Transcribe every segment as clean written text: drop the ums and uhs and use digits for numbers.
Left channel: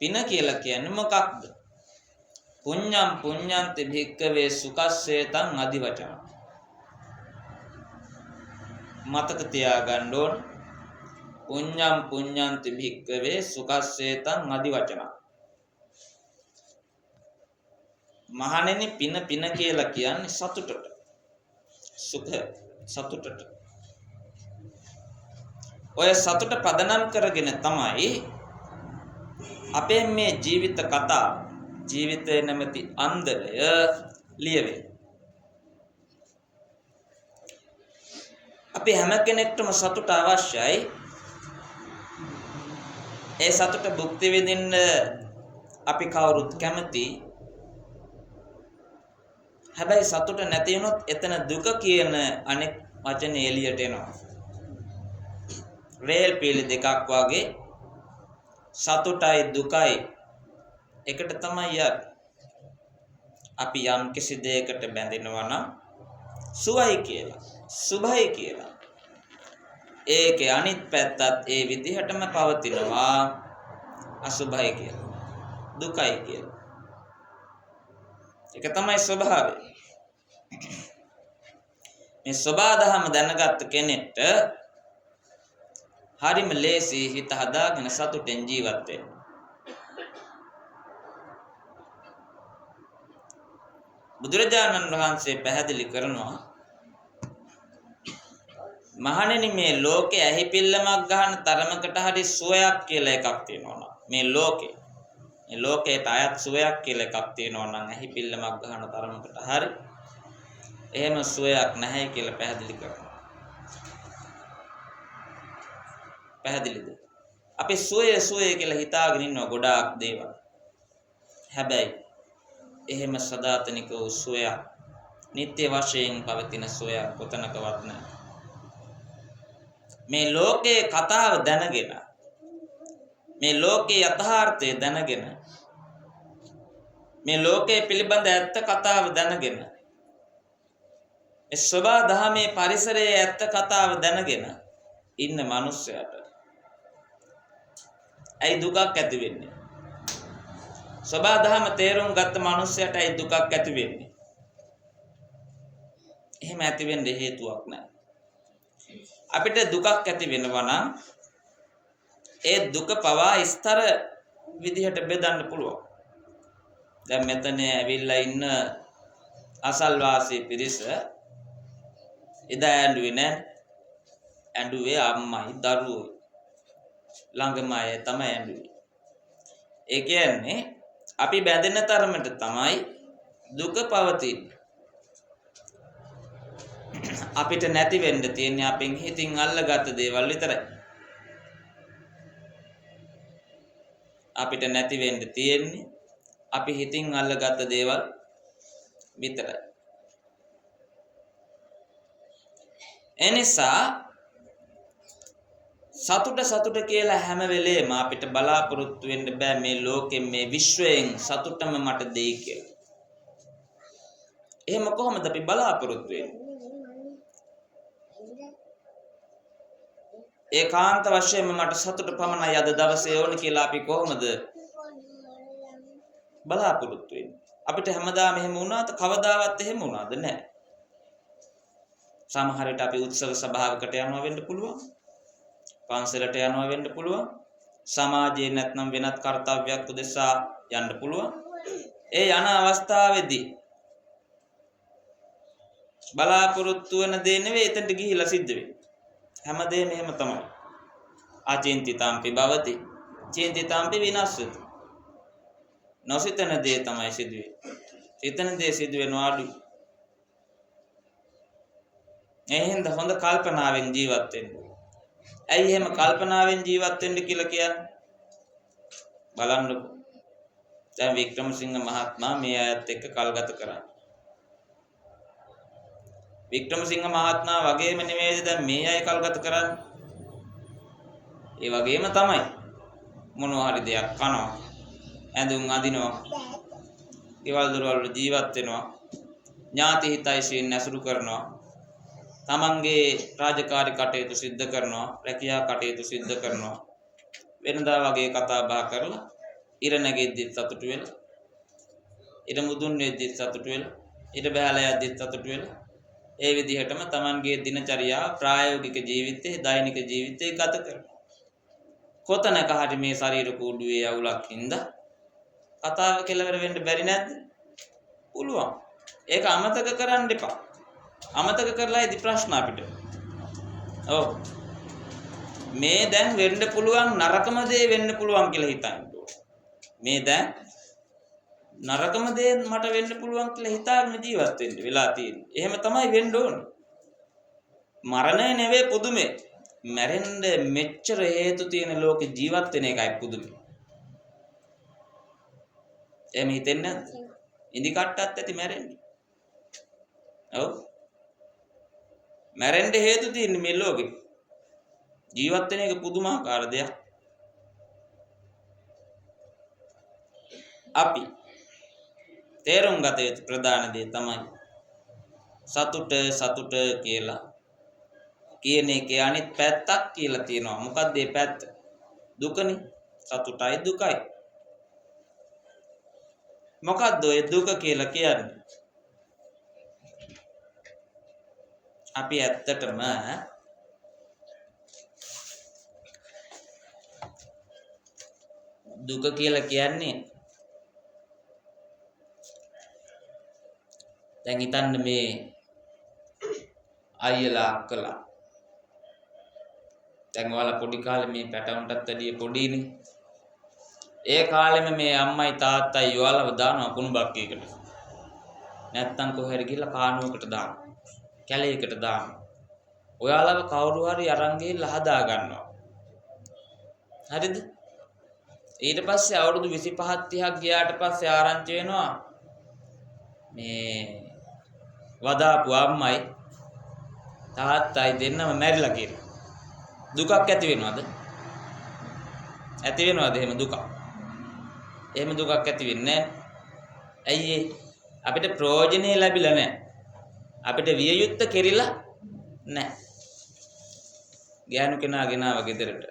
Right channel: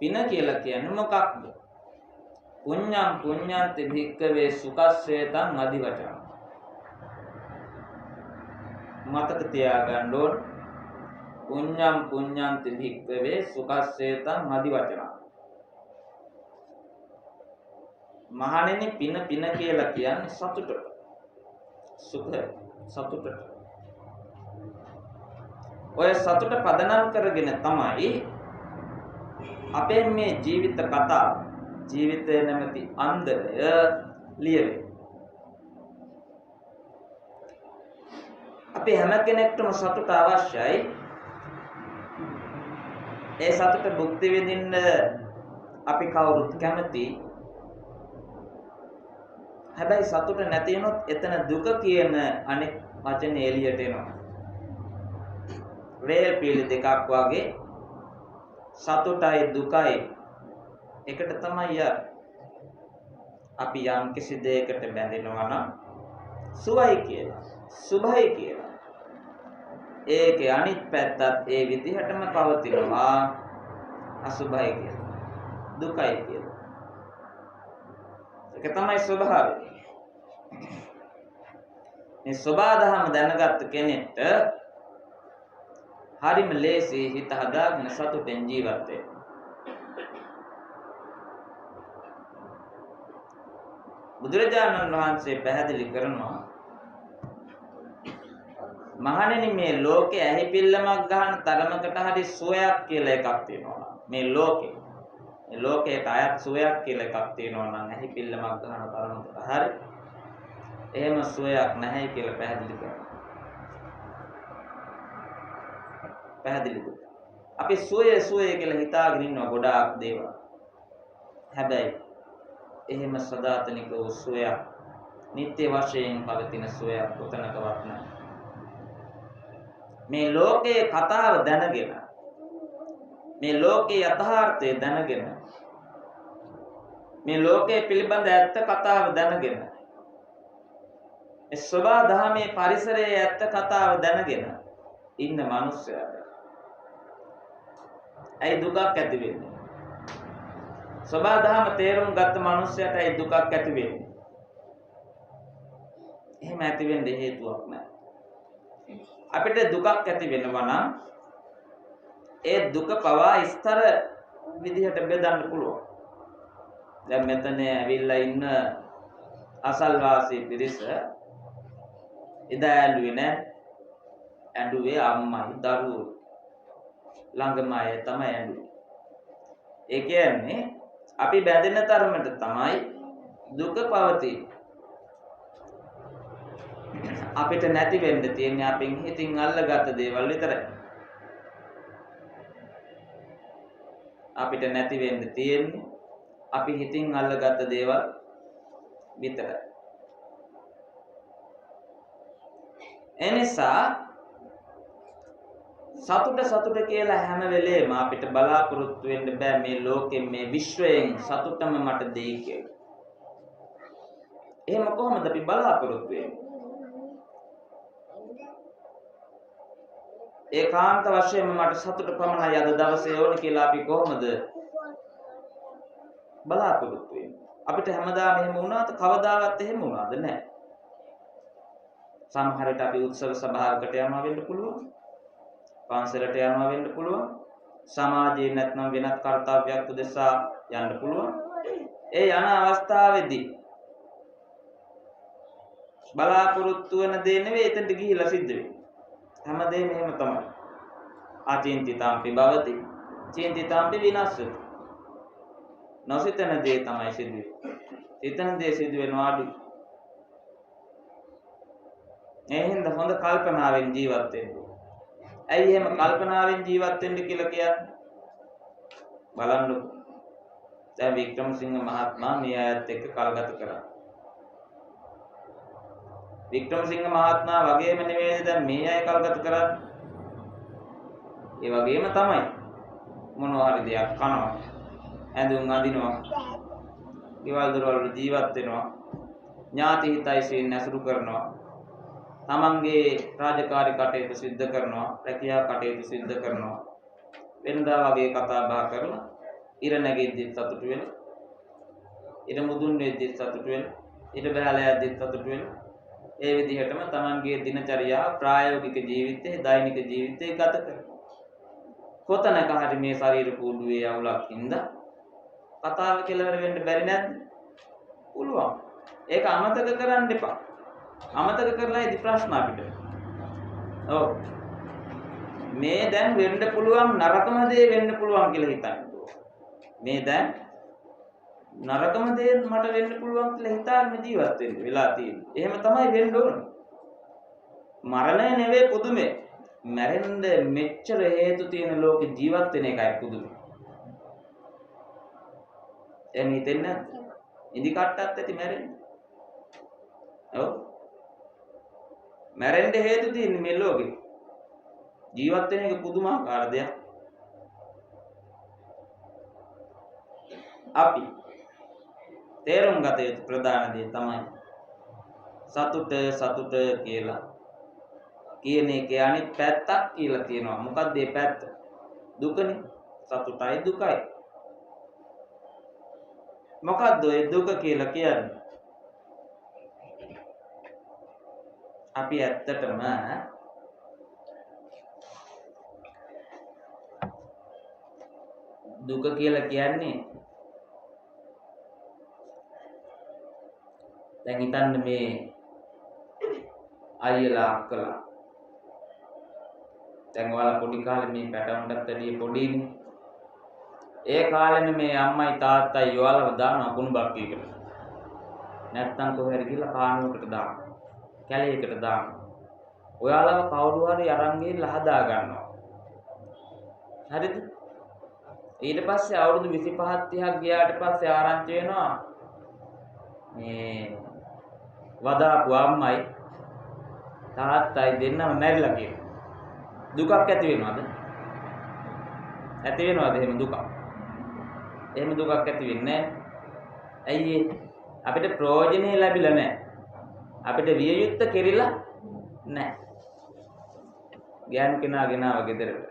පින කියලා කියන්නේ මොකක්ද? පුඤ්ඤං පුඤ්ඤන්ති භික්ඛවේ සුඛස්සේතං අදි වචන. මතක තියාගන්න ඕන. පුඤ්ඤං පුඤ්ඤන්ති භික්ඛවේ සුඛස්සේතං අදි වචන. මහණෙනි පින කියලා කියන්නේ සතුටට. සුඛ සතුටට. ඔය සතුට පදනම් කරගෙන තමයි අපේ මේ ජීවිත කතාව ජීවිතය නැමැති අන්දරය ලියවෙන්නේ. අපි හැම කෙනෙක්ටම සතුට අවශ්‍යයි. ඒ සතුට භුක්ති විඳින්න අපි කවුරුත් කැමති. හැබැයි සතුට නැති වුණොත් එතන දුක කියන අනෙක් වචනේ එළියට එනවා. රේල් පීලි දෙකක් වගේ සතුටයි දුකයි එකට තමයි යන්නේ. අපි යම් කිසි දෙයකට බැඳෙනවා නම් සුවයි කියලා, සුභයි කියලා. ඒකේ අනිත් පැත්තත් ඒ විදිහටම පවතිනවා අසුභයි කියලා, දුකයි කියලා. ඒක තමයි ස්වභාවය. මේ ස්වභාවධම දැනගත් කෙනෙක්ට හරිම ලේසි හිත හදාගෙන සතුටෙන් ජීවත් වෙන්න. බුදුරජාණන් වහන්සේ පැහැදිලි කරනවා මහණෙනි මේ ලෝකේ ඇහිපිල්ලමක් ගන්න තරමකට හරි සුවයක් කියලා එකක් තියෙනවා. මේ ලෝකේට අයත් සුවයක් කියලා එකක් තියෙනවා නම් ඇහිපිල්ලමක් ගන්න තරමකට හරි එහෙම සුවයක් නැහැ කියලා පැහැදිලි කරනවා. පැහැදිලිද? අපි සුවය කියලා හිතාගෙන ඉන්නවා ගොඩාක් දේවල්. හැබැයි එහෙම සදාතනික වූ සුවයක්, නිත්‍ය වශයෙන් පවතින සුවයක් කොතනකවත් නැහැ. මේ ලෝකයේ කතාව දැනගෙන, මේ ලෝකයේ යථාර්ථය දැනගෙන, මේ ලෝකයේ පිළිබඳ ඇත්ත කතාව දැනගෙන, මේ සබා දහමේ පරිසරයේ ඇත්ත කතාව දැනගෙන ඉන්න මිනිස්සයාට ඇයි දුකක් ඇති වෙන්නේ? සබා දහම තේරුම් ගත්ත මිනිස්සයාට ඇයි දුකක් ඇති වෙන්නේ? එහෙම ඇති වෙන්න හේතුවක් නැහැ. අපිට දුකක් ඇති වෙනවා නම් ඒ දුක පවා ස්තර විදිහට බෙදන්න පුළුවන්. දැන් මෙතන ඇවිල්ලා ඉන්න අසල්වාසී පිරිස එදා ඇඬුවේ නැහැ. ඇඬුවේ අම්මයි දරුවෝ ළඟම අය තමයි ඇඬුවේ. ඒ කියන්නේ අපි බැඳෙන තරමට තමයි දුක පවතින්නේ. අපිට නැති වෙන්න තියෙන්නේ අපෙන් හිතින් අල්ලගත්ත දේවල් විතරයි. අපිට නැති වෙන්න තියෙන්නේ අපි හිතින් අල්ලගත්ත දේවල් විතරයි. එනිසා සතුට කියලා හැම වෙලේම අපිට බලාපොරොත්තු වෙන්න බෑ මේ ලෝකෙ මේ විශ්වයෙන් සතුටම මට දෙයි කියලා. එහෙම කොහොමද අපි බලාපොරොත්තු වෙන්නේ? ඒකාන්ත වශයෙන්ම මට සතුට පමණයි අද දවසේ ඕන කියලා අපි කොහොමද බලාපොරොත්තු වෙන්නේ? අපිට හැමදාම එහෙම වුණාද? කවදාවත් එහෙම වුණාද? නැහැ. සමහර විට අපි උත්සව සභාවකට යනවා වෙන්න පුළුවන්. පන්සලට යනවා වෙන්න පුළුවන්. සමාජයේ නැත්නම් වෙනත් කර්තව්‍යයක් උදෙසා යන්න පුළුවන්. ඒ යන අවස්ථාවේදී බලාපොරොත්තු වෙන දේ නෙවෙයි එතනට ගිහිලා සිද්ධ වෙන්නේ. හැමදේම එහෙම තමයි. අචින්තිතාම්පි භවති චින්තිතාම්පි විනාශති. නොසිතන දේ තමයි සිදුවේ. සිතන දේ සිදු වෙනවා අඩුයි. එහෙනම් හොඳ කල්පනාවෙන් ජීවත් වෙන්න. ඇයි එහෙම කල්පනාවෙන් ජීවත් වෙන්න කියලා කියන්නේ? බලන්නකො. දැන් වික්‍රමසිංහ මහත්මයා මේ අයත් එක්ක කල් ගත කරා. වික්‍රමසිංහ මහත්මයා වගේම නෙමෙයිද දැන් මේ අය කල් ගත කරන්නේ? ඒ වගේම තමයි. මොනවා හරි දෙයක් කනවා. ඇඳුම් අඳිනවා. ඊවල දොරවල් ජීවත් වෙනවා. ඥාති හිතයිසින් ඇසුරු කරනවා. තමන්ගේ රාජකාරී කටයුතු සිද්ධ කරනවා. රැකියා කටයුතු සිද්ධ කරනවා. වෙනදා වගේ කතා බහ කරලා ඉර නැගෙද්දිත් සතුටු වෙලා, ඉර මුදුන් වෙද්දිත් සතුටු වෙලා, ඉර බහැලා යද්දිත් සතුටු වෙලා, ඒ විදිහටම Tamanගේ දිනචරියාව ප්‍රායෝගික ජීවිතේ දෛනික ජීවිතේ ගත කරනවා. කොතනක හරි මේ ශරීර කූඩුවේ අවුලක් හින්දා කතාව කෙලවර වෙන්න බැරි නැද්ද? පුළුවන්. ඒක අමතක කරන්න එපා. අමතක කරලා ඉදි ප්‍රශ්න අපිට. ඔව්. මේ දැන් වෙන්න පුළුවන් නරකම දේ වෙන්න පුළුවන් කියලා හිතන්න. මේ දැන් නරකම දේ මට වෙන්න පුළුවන් කියලා හිතාගෙන ජීවත් වෙන්න වෙලා තියෙන්නේ. එහෙම තමයි වෙන්න ඕන. මරණය නෙවෙයි පුදුමේ. මැරෙන්න මෙච්චර හේතු තියෙන ලෝකේ ජීවත් වෙන එකයි පුදුමේ. එහෙම හිතෙන්නේ නැද්ද? ඉදි කට්ටත් ඇති මැරෙන්න. ඔව්. මැරෙන්න හේතු තියෙන්නේ මේ ලෝකේ. ජීවත් වෙන එක පුදුමාකාර දෙයක්. අපි තේරුම් ගත යුතු ප්‍රධාන දේ තමයි සතුට කියලා කියන එකේ අනිත් පැත්තක් කියලා තියෙනවා. මොකක්ද මේ පැත්ත? දුකනේ. සතුටයි දුකයි. මොකක්ද ඔය දුක කියලා කියන්නේ? අපි ඇත්තටම දුක කියලා කියන්නේ දැන් හිතන්න මේ අයියලා අක්කලා දැන් ඔයාලා පොඩි කාලේ මේ පැටවුන්ටත් වැඩිය පොඩිනේ. ඒ කාලෙම මේ අම්මයි තාත්තයි ඔයාලව දානවා කුණු බක්කියකට. නැත්තම් කොහෙද ගිහලා කානුවකට දානවා. කැලේකට දානවා. ඔයාලව කවුරු හරි අරන් ගිහලා හදා ගන්නවා. හරිද? ඊට පස්සේ අවුරුදු 25 30ක් ගියාට පස්සේ ආරංචි වෙනවා මේ වදාපු අම්මයි තාත්තයි දෙන්නම මැරිලා කියලා. දුකක් ඇති වෙනවද? ඇති වෙනවද එහෙම දුකක්? එහෙම දුකක් ඇති වෙන්නේ නැහැ. ඇයි අපිට ප්‍රයෝජනෙ ලැබිලා නැහැ. අපිට විය යුත්තේ කෙරිලා නැහැ. ගෑනු කෙනා ගෙනාව ගෙදරට.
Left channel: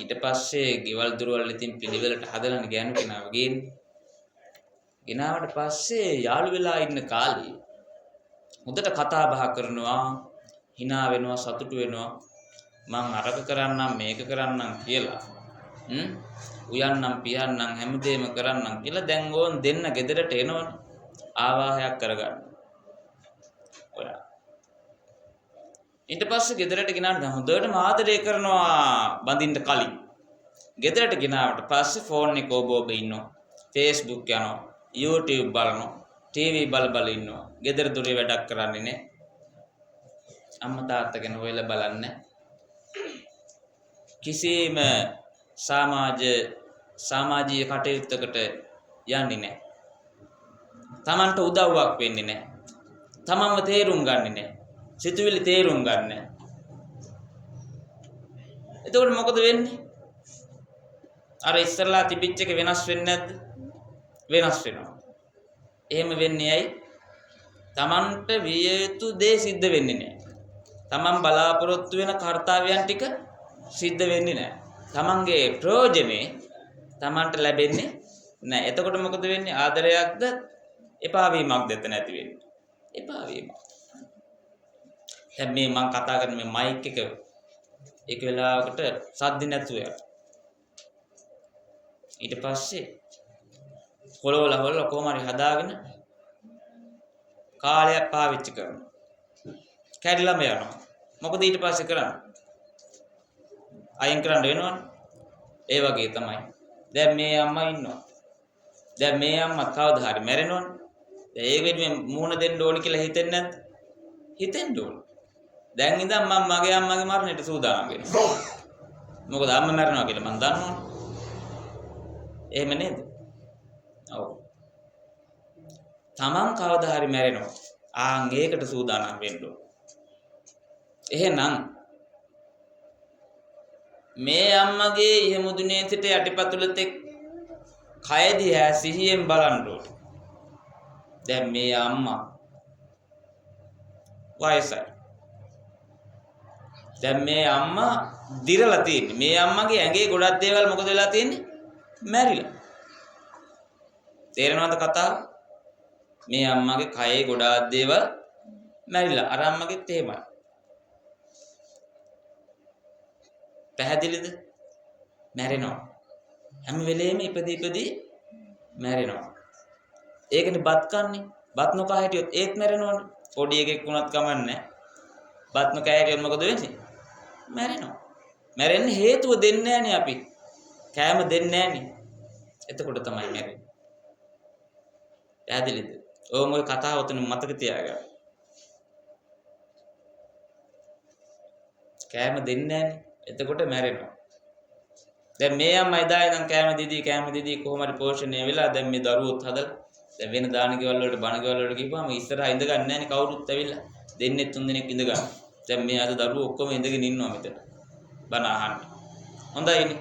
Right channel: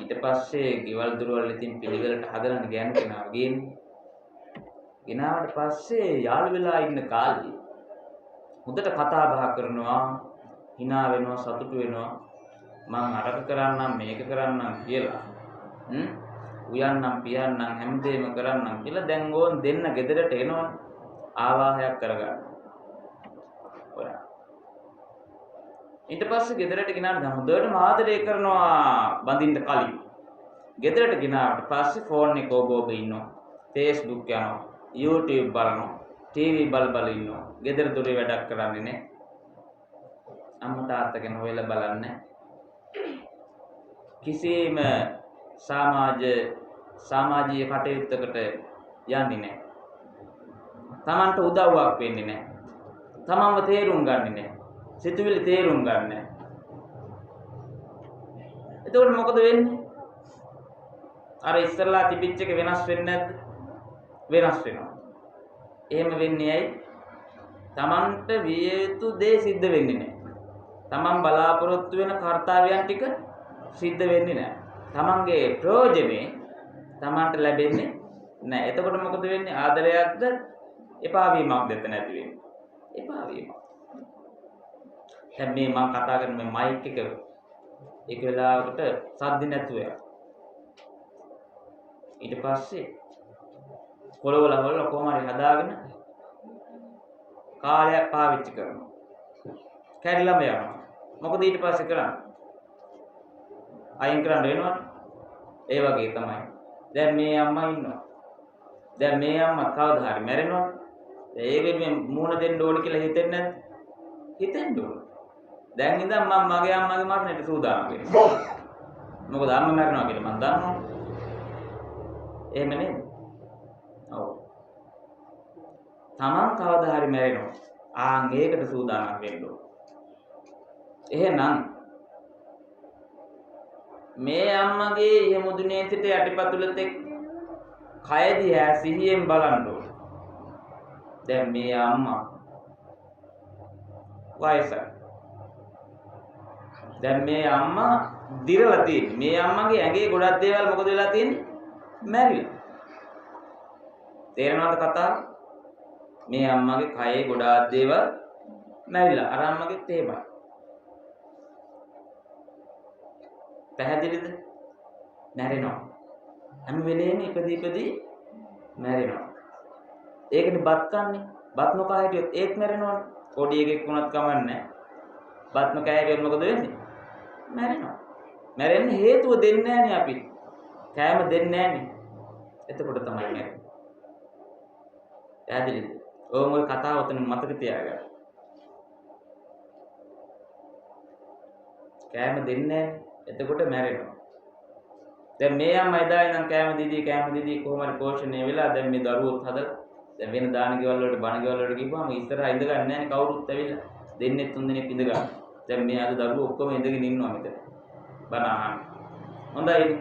ඊට පස්සේ ගෙවල් දොරවල් ඉතින් පිළිවෙලට හදලානේ ගෑනු කෙනාව ගේන්නේ. ගෙනාවට පස්සේ යාළු වෙලා ඉන්න කාලේ හොඳට කතා බහ කරනවා, hina වෙනවා, සතුටු වෙනවා. මම අරක කරන්නම් මේක කරන්නම් කියලා. උයන්නම් පියන්නම් හැමදේම කරන්නම් කියලා දැන් ඕන් දෙන්න ගෙදරට එනවනේ. ආවාහයක් කරගන්න. ඔයා. ඊට පස්සේ ගෙදරට ගෙනාන හොඳටම ආදරය කරනවා බඳින්න කලින්. ගෙදරට ගෙනාවට පස්සේ ෆෝන් එක ඔබ ඉන්නවා. Facebook යනවා, YouTube බලනවා, TV බල ඉන්නවා. ගෙදර දොරේ වැඩක් කරන්නේ නැහැ. අම්මා තාත්තා ගැන හොයලා බලන්නේ කිසිම සමාජීය කටයුත්තකට යන්නේ නැහැ. තමන්ට උදව්වක් වෙන්නේ නැහැ. තමන්ව තේරුම් ගන්නේ නැහැ. සිතුවිලි තේරුම් ගන්න නැහැ. එතකොට මොකද වෙන්නේ? අර ඉස්සරලා තිබිච්ච එක වෙනස් වෙන්නේ නැද්ද? වෙනස් වෙනවා. එහෙම වෙන්නේ ඇයි? තමන්ට විය යුතු දේ සිද්ධ වෙන්නේ නැහැ. තමන් බලාපොරොත්තු වෙන කාර්යයන් ටික සිද්ධ වෙන්නේ නැහැ. තමන්ගේ ප්‍රයෝජනේ තමන්ට ලැබෙන්නේ නැහැ. එතකොට මොකද වෙන්නේ? ආදරයක්ද එපා වීමක්ද නැති වෙන්නේ. එපා වීමක්. දැන් මේ මම කතා කරන මේ මයික් එක වෙලාවකට සද්ද නැතුව යනවා. ඊට පස්සේ කොළවල හොල්ල කොහොම හරි හදාගෙන කාලයක් පාවිච්චි කරනවා. කැඩිලාම යනවා. මොකද ඊට පස්සේ කරන්නේ? අයින් කරන්න වෙනවනේ. ඒ වගේ තමයි. දැන් මේ අම්මා ඉන්නවා. දැන් මේ අම්මා කවදා හරි මැරෙනවනේ. ඒකෙත් මේ මූණ දෙන්න ඕන කියලා හිතෙන්නේ නැද්ද? හිතෙන්න ඕන. දැන් ඉඳන් මම මගේ අම්මගේ මරණයට සූදානම් වෙනවා. මොකද අම්මා මැරෙනවා කියලා මම දන්නවනේ. එහෙම නේද? ඔව්. තමන් කවදා හරි මැරෙනවා. ඒකට සූදානම් වෙන්න ඕන. එහෙනම් මේ අම්මගේ ඉහමුදුනේ සිට යටිපතුල තෙක් කය දිහා සිහියෙන් බලන්න ඕන. දැන් මේ අම්මා වයසයි. දැන් මේ අම්මා දිරලා තියෙන්නේ. මේ අම්මගේ ඇඟේ ගොඩක් දේවල් මොකද වෙලා තියෙන්නේ? මැරිලා. තේරෙනවද කතාව? මේ අම්මගේ කයේ ගොඩාක් දේවල් මැරිලා. අර අම්මගෙත් එහෙමයි. පැහැදිලිද? මැරෙනවා. හැම වෙලේම ඉපදී මැරෙනවා. ඒකනේ බත් කන්නේ. බත් නොකා හිටියොත් ඒත් මැරෙනවනේ. පොඩි එකෙක් වුණත් කමන්නේ. බත් නොකා හිටියොත් මොකද වෙන්නේ? මැරෙනවා. මැරෙන්න හේතුව දෙන්නේ නැහනේ අපි. කෑම දෙන්නේ නැහනේ. එතකොට තමයි මැරෙන්නේ. පැහැදිලිද? ඕම ඔය කතාව උතන මතක තියාගන්න. කෑම දෙන්නේ නැහනේ. එතකොට මැරෙනවා. දැන් මේ අම්මා එදා ඉඳන් කෑම දීදී කොහොම හරි පෝෂණය වෙලා දැන් මේ දරුවොත් හදලා දැන් වෙන දාන ගෙවල් වලට බණ ගෙවල් වලට ගිහුවාම ඉස්සරහා ඉඳ ගන්න නැහනේ කවුරුත් ඇවිල්ලා. දෙන්නේ තුන් දෙනෙක් ඉඳ ගන්න. දැන් මේ අද දරුවෝ ඔක්කොම ඉඳගෙන ඉන්නවා මෙතන. බණ අහන්න. හොඳයිනේ.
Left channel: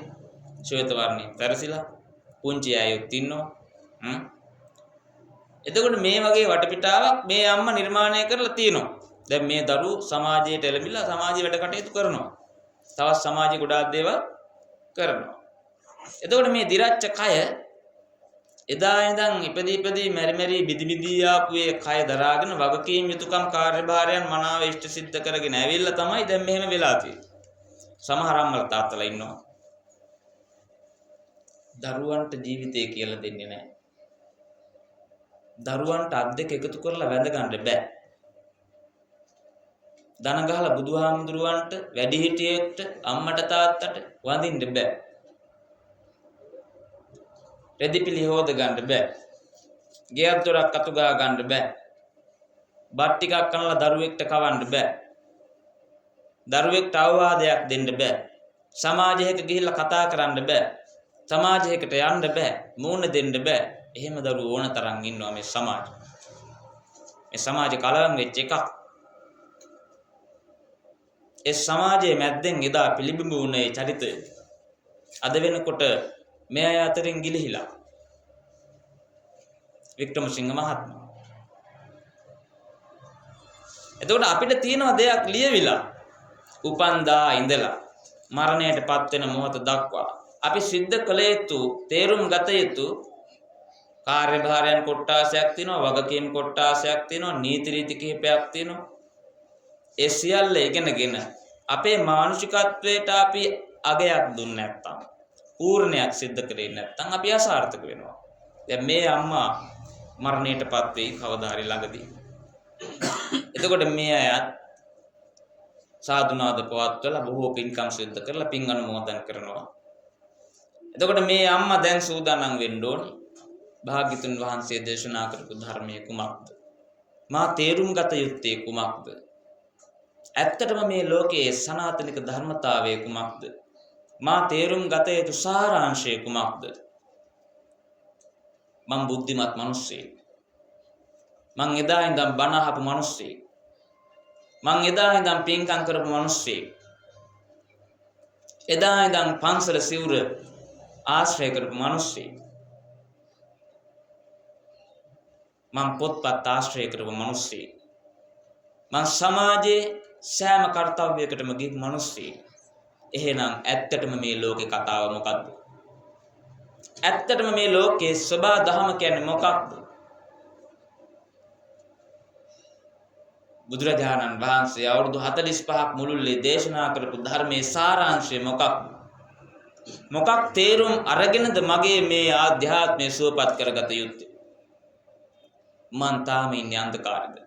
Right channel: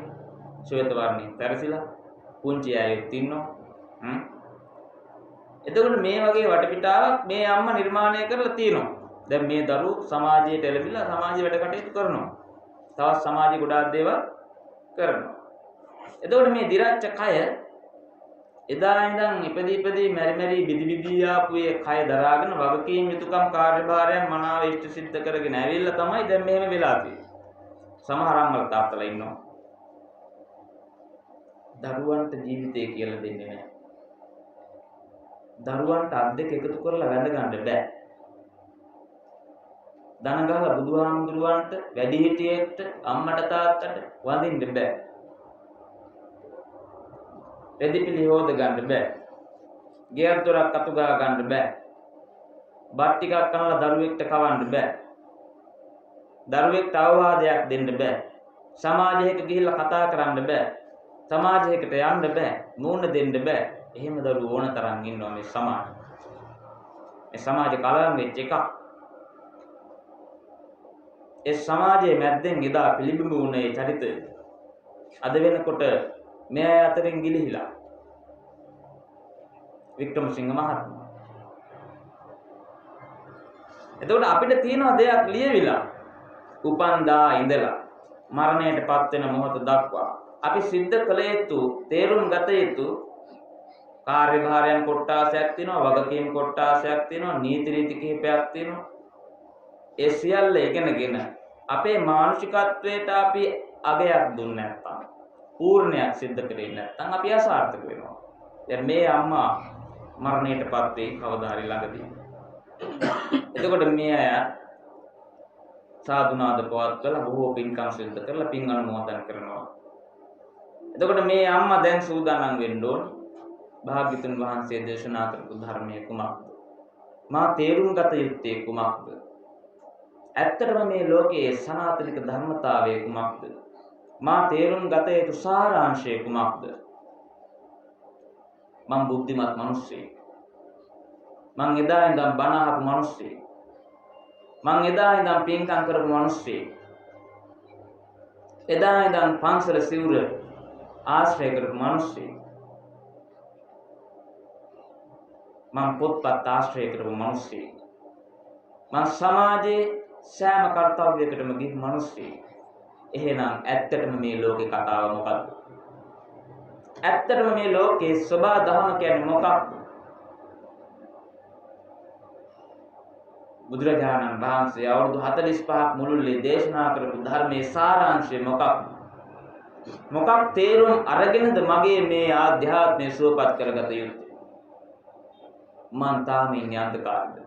ශ්වේත වර්ණේ තරසිලා පුංචි අයත් ඉන්නවා. එතකොට මේ වගේ වටපිටාවක් මේ අම්මා නිර්මාණය කරලා තියෙනවා. දැන් මේ දරුවෝ සමාජයට එළඹිලා සමාජීය වැඩ කටයුතු කරනවා. තවත් සමාජීය ගොඩාක් දේවල් කරනවා. එතකොට මේ දිරච්ච කය එදා ඉඳන් ඉපදී මෙරි බිදි ආපු ඒ කය දරාගෙන වගකීම් යුතුකම් කාර්යභාරයන් මනාව ඉෂ්ට සිද්ධ කරගෙන ඇවිල්ලා තමයි දැන් මෙහෙම වෙලා තියෙන්නේ. සමහර අම්මලා තාත්තලා ඉන්නවා. දරුවන්ට ජීවිතය කියලා දෙන්නේ නැහැ. දරුවන්ට අත් දෙක එකතු කරලා වැඳ ගන්න බෑ. දන ගහලා බුදුහාමුදුරුවන්ට වැඩිහිටියෙක්ට අම්මට තාත්තට වඳින්න බෑ. රෙදිපිලි හොද ගන්න බෑ. ගෙයක් දොරක් අතු ගා ගන්න බෑ. බත් ටිකක් කනලා දරුවෙක්ට කවන්න බෑ. දරුවෙක්ට අවවාදයක් දෙන්න බෑ. සමාජයක ගිහිල්ලා කතා කරන්න බෑ. සමාජයකට යන්න බෑ. මූණ දෙන්න බෑ. එහෙම දරුවෝ ඕන තරම් ඉන්නවා මේ සමාජෙ. මේ සමාජ කලවම් වෙච්ච එකක්. ඒ සමාජයේ මැද්දෙන් එදා පිළිබිඹු වුණේ චරිතය. අද වෙනකොට මේ අතරින් ගිලිහිලා වික්‍රමසිංහ මහත්මයා. එතකොට අපිට තියෙන දෙයක් ලියවිලා උපන්දා ඉඳලා මරණයටපත් වෙන මොහොත දක්වා අපි සිද්ධ කළ යුතු තේරුම් ගත යුතු කාර්යභාරයන් කොටාසයක් තියෙනවා, වගකීම් කොටාසයක් තියෙනවා, නීති රීති කිහිපයක් තියෙනවා. ඒ සියල්ල ඉගෙනගෙන අපේ මානසිකත්වයට අපි අගයක් දුන්නේ නැත්තම්, පූර්ණයක් සිද්ධ කරේ නැත්තම් අපි අසාර්ථක වෙනවා. දැන් මේ අම්මා මරණයටපත් වෙයි කවදා හරි ළඟදී. එතකොට මේ අය සාදුනාද පවත්වලා බොහෝ පින්කම් සිද්ධ කරලා පින් අනුමෝදන් කරනවා. එතකොට මේ අම්මා දැන් සූදානම් වෙන්න ඕනේ. භාග්‍යතුන් වහන්සේ දේශනා කරපු ධර්මයේ කුමක්ද? මා තේරුම් ගත යුත්තේ කුමක්ද? ඇත්තටම මේ ලෝකයේ සනාතනික ධර්මතාවය කුමක්ද? මා තේරුම් ගත යුතු සාරාංශය කුමක්ද? මම බුද්ධිමත් මිනිස්සෙක්. මං එදා ඉඳන් බණ අහපු මිනිස්සෙක්. මං එදා ඉඳන් පින්කම් කරපු මිනිස්සෙක්. එදා ඉඳන් පන්සල සිවුර ආශ්‍රය කරපු මිනිස්සෙක්. මං පොත්පත් ආශ්‍රය කරපු මිනිස්සෙක්. මං සමාජයේ සෑම කර්තව්‍යයකටම ගිහි මිනිස්සෙක්. එහෙනම් ඇත්තටම මේ ලෝකේ කතාව මොකක්ද? ඇත්තටම මේ ලෝකේ සබා දහම කියන්නේ මොකක්ද? බුදුරජාණන් වහන්සේ අවුරුදු 45ක් මුළුල්ලේ දේශනා කරපු ධර්මයේ සාරාංශය මොකක්ද? මොකක් තේරුම් අරගෙනද මගේ මේ ආධ්‍යාත්මය සුවපත් කරගත යුත්තේ? මං තාම ඉන්නේ අන්ධකාරෙද?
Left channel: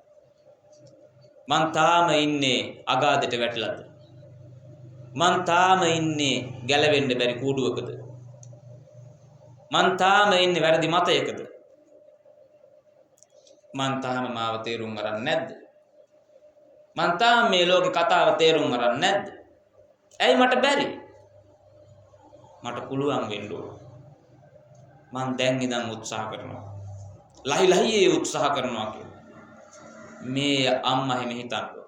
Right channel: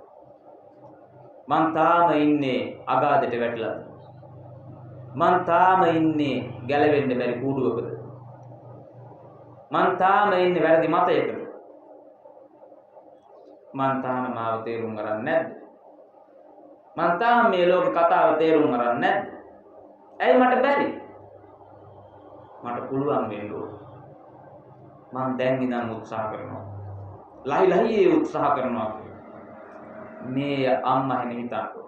මං තාම ඉන්නේ අගාධයට වැටිලාද? මං තාම ඉන්නේ ගැලවෙන්න බැරි කූඩුවකද? මං තාම ඉන්නේ වැරදි මතයකද? මං තාම මාව තේරුම් ගන්න නැද්ද? මං තාම මේ ලෝකේ කතාව තේරුම් ගන්න නැද්ද? ඇයි මට බැරි? මට පුළුවන් වෙන්න ඕන. මං දැන් ඉඳන් උත්සාහ කරනවා. ලහි උත්සාහ කරනවා. මේ අම්මා හැම හිතන්න.